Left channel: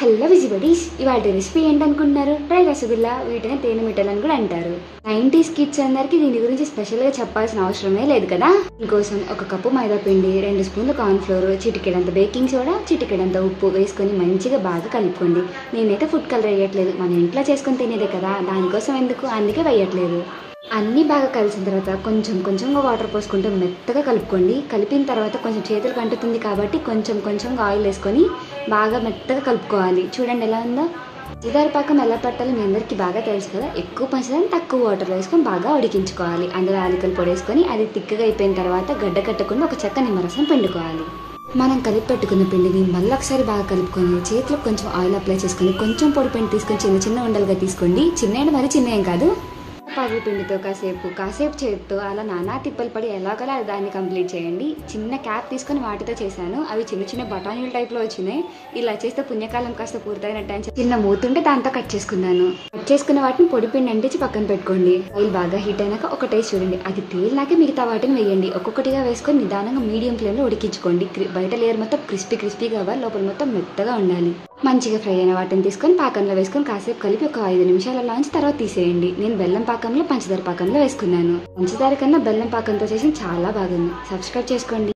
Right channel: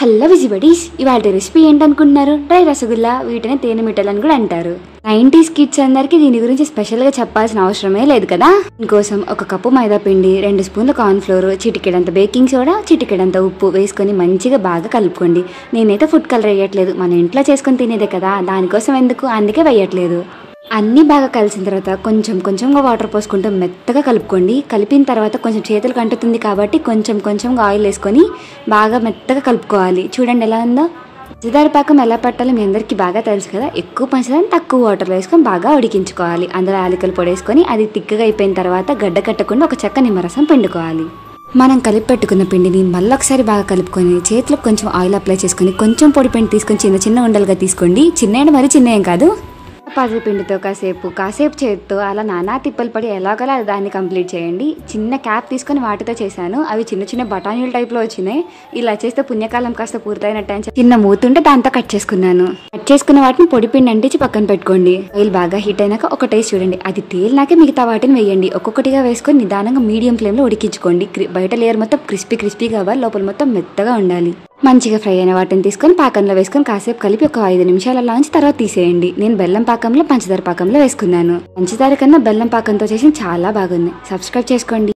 Hello విజిబడీస్, ఇవాళ recipe ఏంటనుకుంటున్నారు? Dry rasgulla, వీటిని తేనె మిఠాయిలు అని కూడా అంటారు. 90s కిడ్స్ అందరికి దీని గురించి స్పెషల్ గా చెప్పాల్సిన అవసరమే లేదు కదా. దీనికోసం ఒక కప్పు మైదా పిండి, 2 స్పూన్ల కార్న్ ఫ్లోర్, చిటికెడంత బేకింగ్ సోడా, చిటికెడంత ఉప్పు వేసుకొని మంచిగా బాగా కలుపుకోండి. నేనైతే ఫుడ్ కలర్ వేయట్లేదు, మన ఇంట్లో చేసుకొని తినేదే కదా, దానికోసం ఎందుకు, అందుకే వేయట్లేదు. అన్నీ బాగా కలిసిన తర్వాత కొంచెం కొంచెంగా వాటర్ పోసుకుంటూ మెత్తగా కలుపుకోండి. కలిపిన తర్వాత కొంచెం చేతులకు అంటుతుంది కాబట్టి కొంచెం కొంచెంగా ఆయిల్ వేసుకొని బాగా మెత్తగా కలుపుకోవాలి. చూడండి ఎలా ఉందో. పంచదార పాకం ఎలా పట్టాలో మీ అందరికీ బాగా తెలుసు కదా. ఎక్కువ పంచదార తక్కువ వాటర్లో వేసుకొని బాగా ఉడికించుకోవాలి. అందులో యాలకుల పొడి వేసుకొని అది తిక్కగా అయిపోయిన తర్వాత గడ్డ కట్టకుండా ఒక చెక్క నిమ్మరసం పిండుకోవాలి. మనం కలిపి పెట్టుకున్న పిండిని మళ్ళీ ఒకసారి బాగా కలుపుకొని చేతిలో కొంచెం ఆయిల్ అప్లై చేసుకొని కొంచెం పొడి పిండి తీసుకొని చిన్న చిన్న ఉండలుగా తీసుకోండి. చిన్న మరి చిన్న ఏం కాదు. పర్ల పిండితో కాసేపు చేతితో అలా నానా తిప్పలు పడి ఎలాగలా దాన్ని కంప్లీట్ చేయండి. చిన్న క్యాప్ తీసుకొని వాటితో చేశాను. అవి చిన్న చిన్న బఠానీల టైప్లో వచ్చినాయి. ఇలా చేస్తే పుణ్యకాలం కాస్త పూర్తయినట్టు అని చిన్న మూతుంటే దాంతో కట్ చేసుకున్నాను. కట్ చేసుకున్న వాటిని పొడి పిండి అంటించి పక్కన పెట్టుకోండి. ఆయిల్ బాగా హీట్ అయినాక ఒక టేస్ట్ చూడండి. అది తేలినాకే మిగతా వాటిని వేయండి. ఒక్కొక్కటిగా వేసుకొని నిదానంగా మీడియం ఫ్లేమ్లో ఉడికించుకోండి. బయట లేయర్ మొత్తం క్రిస్పీగా అవ్వాలి, లోపల మొత్తం మెత్తగా ఉండాలి. మంచిగా ఫ్రై అయిన వాటిని తీసుకొని పాకంలో వేసుకొని కాసేపు కలిపి ఒక 5 నిమిషాల ఉంచి తర్వాత తీసేయండి. నేను బెల్లం పాకంలో పంచదార పాకంలో వేసుకున్నాను. పంచదార కన్నా బెల్లం పాకంతో చేసి చాలా బాగుంది. సబ్స్క్రైబ్ చేసుకోండి.